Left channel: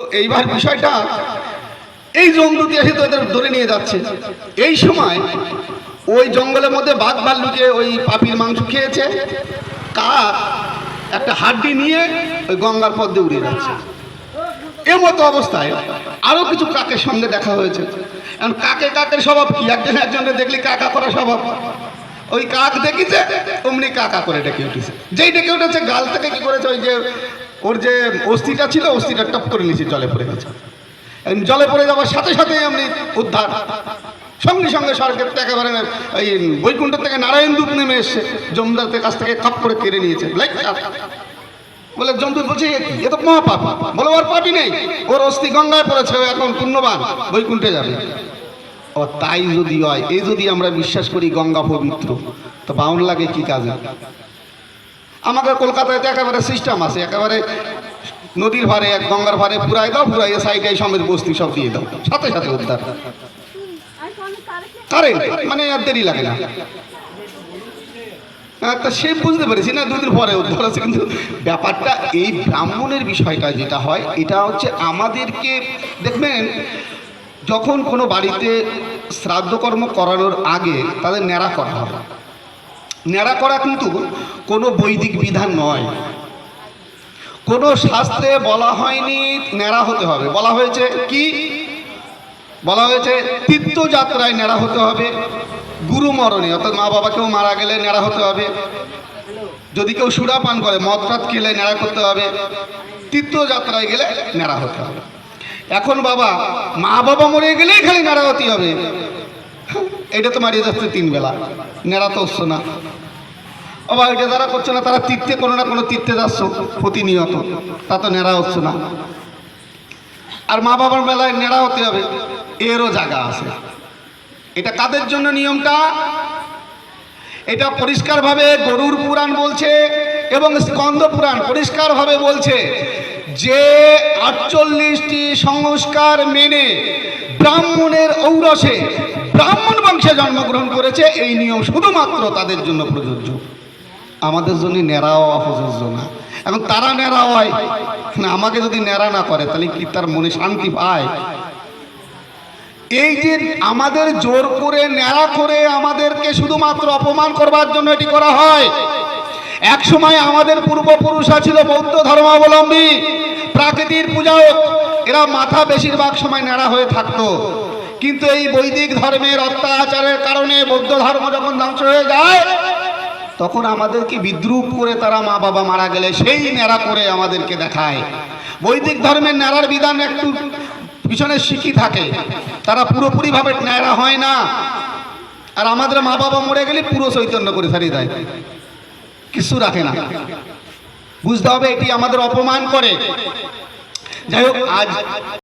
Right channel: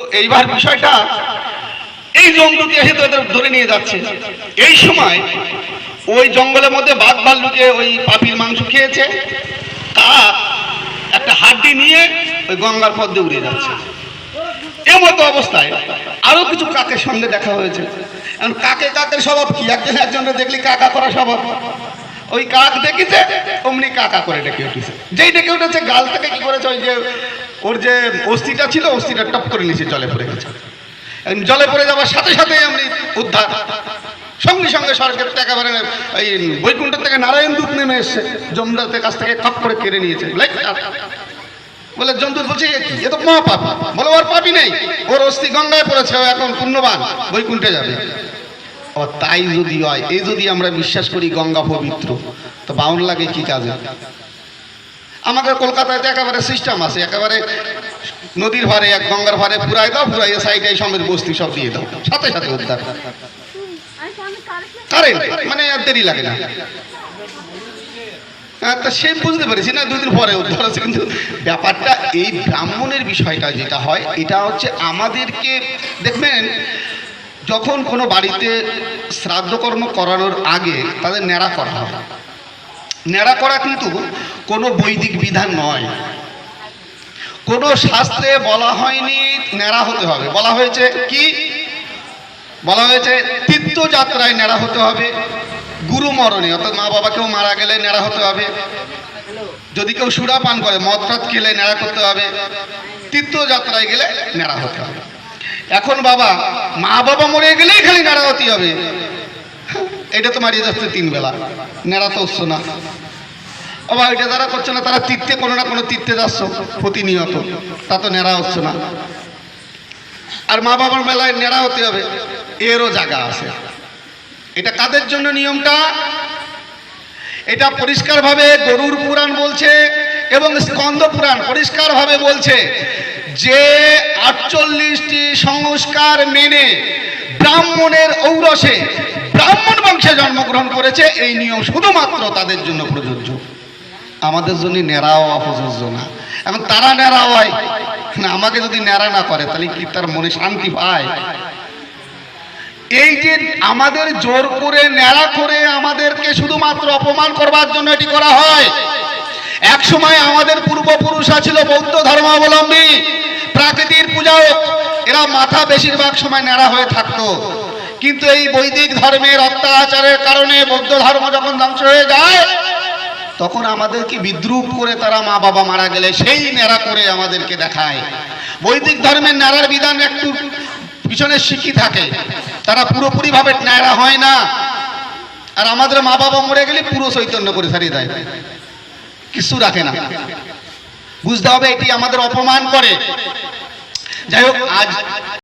এইবার বিষয়টা, এই জন্তুটি এসে তোদের ধরে নিয়ে যাচ্ছে। এই সময় ওই জঙ্গলের মধ্যে বাঘ ভাল্লুকে ওই পাপির মাংস খেয়েছে, তার একটা হাড্ডি নিয়ে ওই গঙ্গার পথ দিয়ে উড়ে যাচ্ছে। এমতো অবস্থায় আরও কিছু কাকের সঙ্গে দেখা হয়েছে। কাকে কাকের স্বভাব কি? একজন একজনের দেখলি কাকা করা স্বভাব। ওই কাক দেখেছে, অমনি কাকা করে ডেকে উঠেছে। যেই ডেকে উঠেছে, গাল থেকে কি করেছে, ওই যে, ওর যে অস্থিটা ছিল, অস্থিটা টপ করে নিচে জলে পড়ে গেছে। জলে পড়ে যাওয়ার সাথে সাথে এমনি উদ্ধার। সঙ্গে সঙ্গে থেকে একেবারে এই বৈকুণ্ঠ থেকে নারায়ণ দূত নেমে এসছে। জমদারদের কাছ থেকে খপ করে কেড়ে নিয়েছে। বলে জন্তু বলছে, এ কি? এ তো মহাপাপ। বলে, ওর পাপি নেই। ওর অস্থি গঙ্গায় পড়েছে এখন পুণ্যবান। বৈকুণ্ঠে যাবে। ও তাই যদি হয় এই যদি আমরা বিশ্বাস করি গঙ্গা পবিত্র তো বাউন লাগে কি কাজে? আমাদের কলকাতায় তো একেবারে সিস্টেম আছে একেবারে নদীর ভারে এক গঙ্গার ভারে পুরাই দাও পুরাই সাইডে সমেত বস্তি সব দিয়ে দাও সাথে সাথে উদ্ধার। কারেন্ট মানে আর দেরি লাগে না। হ্যাঁ, তা সে বুঝতে পেরেছি না দুদিন পরে উদ্ধার হচ্ছে কিন্তু ব্যাপারটা এই ব্রাহ্মণের বিষয়টা যেটা হয় এটা হচ্ছে আমাদেরকে দেখবেন যখন কোনো বাড়িতে শ্রাদ্ধকর্ম করানোর আগে তাদের ন্যাড়া করা হয় ন্যাড়া করা কিন্তু কোনো বৈদিক বিধান নয়। কোনো শাস্ত্রে বলা হয়নি ন্যাড়া হতে হবে। বলা হয়েছে কি? বলা হয়েছে তীর্থযাত্রায় ন্যাড়া হতে হবে, গুরু মরণে। অর্থাৎ মা বাবা কেউ মারা গেলে ন্যাড়া হতে হবে। যদি কেউ সুরা পান করে মদ খেলে ন্যাড়া করতে হবে। তীর্থযাত্রায় গেলে ন্যাড়া হতে হবে। এখন বাবা, মা বাবা মরে গেলেই খালি ন্যাড়া হতে হবে। এটা তো মারিয়ে যাচ্ছে তিন বেলা। নেড়া তো হচ্ছে না। বাবা, এটা যারা করছে না, তারা তীর্থে কোনো না কোনো তীর্থে যাচ্ছ, প্রতিনিয়ত। তা তো নেড়া হচ্ছে না। আর মা বাবার মেলায় নেড়া হতে হবে, এরও জায়গা আছে। এটা কাদের জন্য নিয়মটা? এটা পরিষ্কারভাবে গরুর পুরাণ বলছে এবং স্কন্দ পুরাণ পরিষ্কারভাবে বলছে। যে আটচল্লিশটি সংস্কার মেনে ব্রাহ্মণের ঔরসে ব্রাহ্মণ বংশে জন্মগ্রহণ করেছে, এই নিয়ম শুধুমাত্র তাদের জন্য প্রযোজ্য। আমাদের জন্য ন্যাড়াও প্রযোজ্য না। এখন তারা ন্যাড়া হয় আমাকে যদি ন্যাড়া না করে, তাহলে কি তার মনে শান্তি পায়? এই যে আমাদের জোর করে ন্যাড়া করে আমাদেরকে শুধুমাত্র অপমান করবার জন্য এটি করা হয় এক সময় আমাদের পূর্বপুরুষরা ছিল বৌদ্ধ ধর্মাবলম্বী। প্রাকৃতির পূজাও, এরা মাথা বেশিরভাগ সময় ন্যাড়া হয়ে থাকতো। কিন্তু এই বৈদিক ধর্মের অত্যাচারের কারণে বৌদ্ধ ধর্ম যখন ধ্বংস হয়ে যায়, তখন আমাদেরকে বিদ্রুপ করে তারা মা বাবা মারা গেলে সেই ন্যাড়া করে আমাদেরকে দেখায়। বৈদিক ধর্মের নাড়ার বিধান একটু পিছনে শিখি থাকে। তারা পুরোপুরিভাবে ন্যাড়া হয় না। আর আমাদের মা বাবা মরে গেলে পুরো চৈতন্য করে ছাড়িয়ে দেয়। কিছু রাখে না। বুঝতে হবে এটি আমাদের অপমান করে। যাই হোক আজ